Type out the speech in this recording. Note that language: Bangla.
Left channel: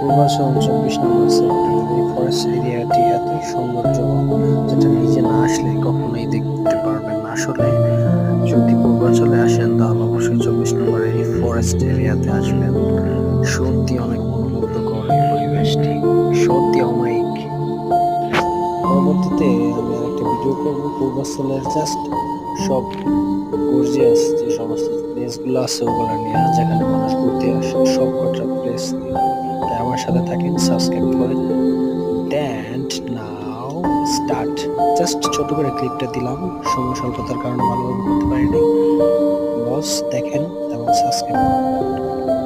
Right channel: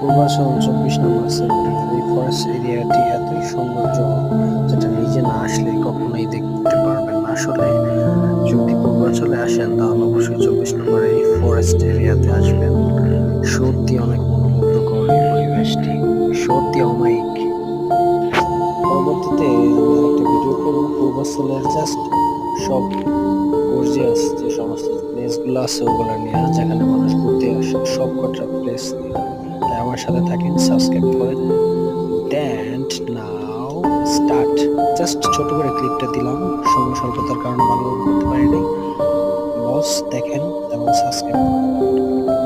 পূর্বাচল 24 নম্বর সেক্টরের এই ফরেস্ট এরিয়াটি এতই সৌন্দর্য যেটা নিজে না আসলে কখনোই দেখতে পারবেন না। আসলে যদি পূর্বাচলে আসেন তাহলে অবশ্যই 24 নম্বরের এই ফরেস্ট এরিয়াতে আসবেন। সত্যি অনেক মনোমুগ্ধকর এই পরিবেশটি, সত্যি অমায়িক। পরবর্তীতে আমি আরেকটা ভিডিও করব পূর্বাচলের জাস্ট সব গর্জিয়াস যে সমস্ত প্লেসগুলো আছে ওগুলো নিয়ে, যেখানে মানুষ ঘুরতে আসে সব কটা প্লেস নিয়ে। তাই আমার সাথে থাকেন, সাবস্ক্রাইব করেন। ড্যান্ট নাও স্টার্ট। জাস্ট ছোট করে ক্লিপটা দিলাম, সময় স্বল্পতার কারণে ভালোভাবে করতে পারি নাই। বস দেখেন এবং সাবস্ক্রাইব করেন।